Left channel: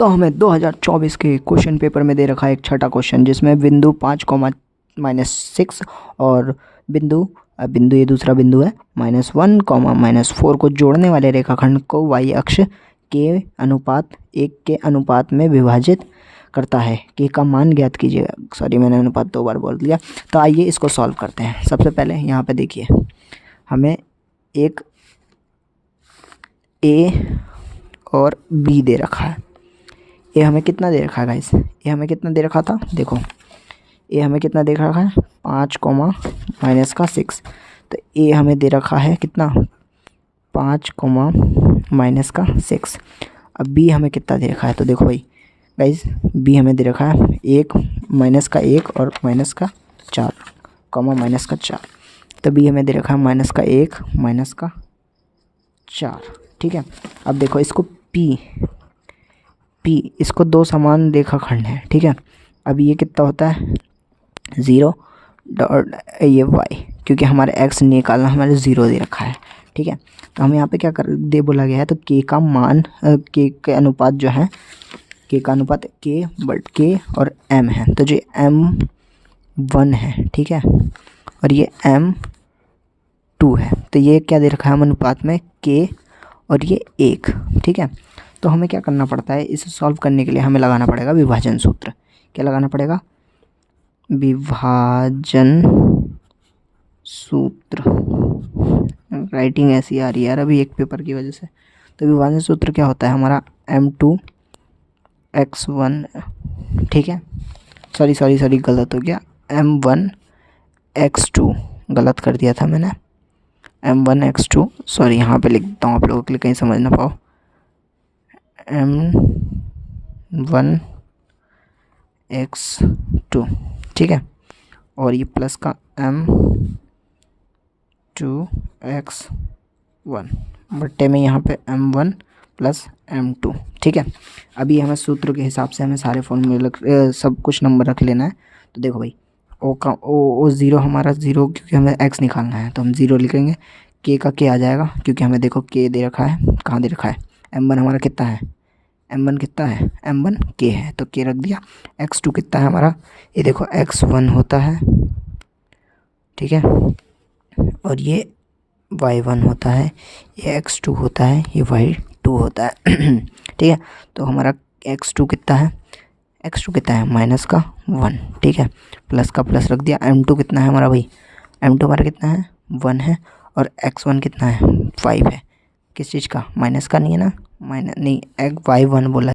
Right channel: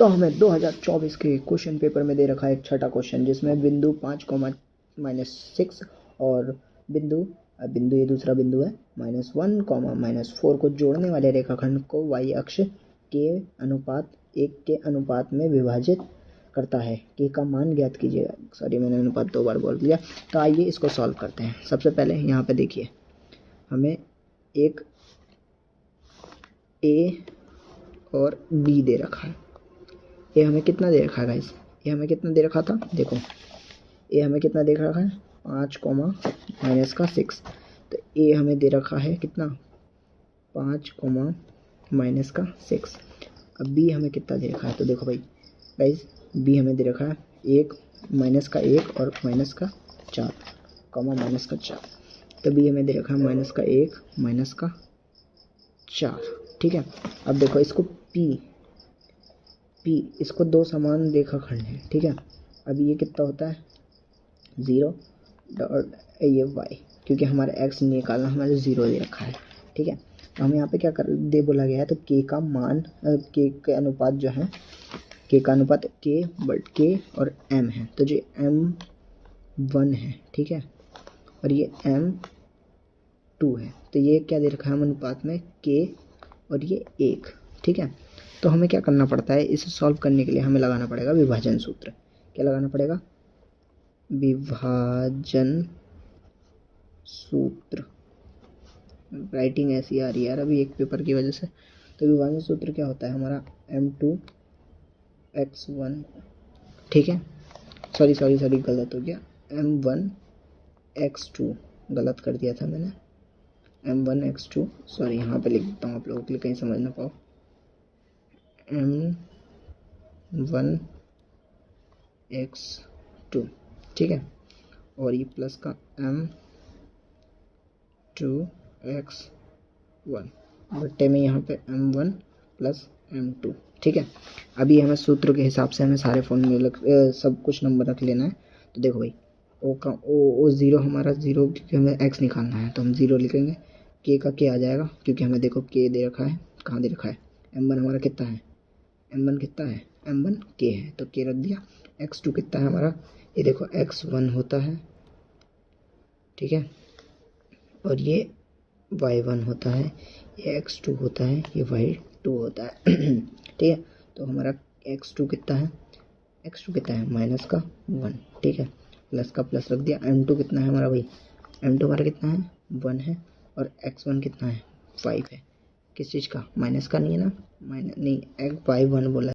तो हमें 2024 के क्वेश्चन पेपर में दे रखा है एक छठा क्वेश्चन, जिसमें बिंदु 5, -6 और बिंदु ये दूसरा बिंदु है -1, -4 को जोड़ने वाले रेखाखंड को y अक्ष के अनुपात 1 के अनुपात में विभाजित करता है। के का मान ज्ञात कीजिए। सॉरी, मैंने अनुपात 2 बार बोल दिया। तो आइए इसको सॉल्व करते हैं। सबसे पहले यहाँ पे देखिए, हमें एक ए और बी दे रखा है। ए हमें कितना दे रखा है गाइस? ए हमें कितना दे रखा था? देखो, ए हमें कितना दे रखा है? 5, -6। तो ए हमें दे रखा है कितना? 5, -6। अब बी हमें कितना दे रखा है? तो देखो भाई गाइस, बी हमें दे रखा है 1, -1 और -4, -4। तो बी हमें दे रखा है -1, -4। ठीक है। अब देखो इसको पी इसको दो समान रेखाखंड है। ठीक है। अब ये कितना होता है? 0 डॉट ये y, क्योंकि हमारे x निकालना, हमारे 0 दे रखा है। ठीक है। तो हमें यहाँ पे क्या कर दे बोला गया है? तो k का मान, k के अनुपात जो है, k का अनुपात k और m है। तो जो m1 है, ठीक है, और ये m2 है। तो ये क्या दे रखा है हम अनुपात में? k और ये 1। ठीक है। तो हमें क्या करना पड़ता है? इसे सॉल्व करने के लिए हमें लगाना पड़ेगा विभाजन सूत्र। क्या लगाना पड़ेगा? विभाजन सूत्र। राइटिंग ऐसी आ रही है यार अभी एक पेपर की वजह से। तो विभाजन सूत्र क्या होता है हमारा? m2x1, ठीक है, सॉरी गलत हो गया, m1x2 गलत कर दिया था मैंने, m1x2। सॉरी, यहाँ पे लिख देता हूँ आप लोगों के लिए कहीं समझ ना पाओ। m1x2, ठीक है, और ये प्लस का m2x1 बट्टे में यहाँ पे m1 + m2। ठीक है। अभी हमें सूत्र के हिसाब से हमें सारे फॉर्मूले सब कुछ नंबर रख लेना है। तो देखो भाई, ओ 0 हमारा 0, क्योंकि हमें x निकालना है तो हम 0 लिखेंगे। k का k आ जाएगा, क्योंकि हमें देखो k दे रखा है, कहाँ दे रखा है? m1 हमारा कितना है? m1 कितना है? m1 k है, तो k रख दिया। x2 कितना है हमारा? ये देखो x1 होता है, ठीक है, और ये y1 होता है, ये x2 होता है, ये y2 होता है। ठीक है। तो हमारा x2 कितना है? x2 कितना है? -1। ठीक है, प्लस का प्लस रख दिया। m2 कितना है हमारा भाई? m2 हमारा कितना है? 1 है, और x1 कितना है? 5 है। किस चीज़ का? माइनस का नहीं है ना? नहीं, y1 बोला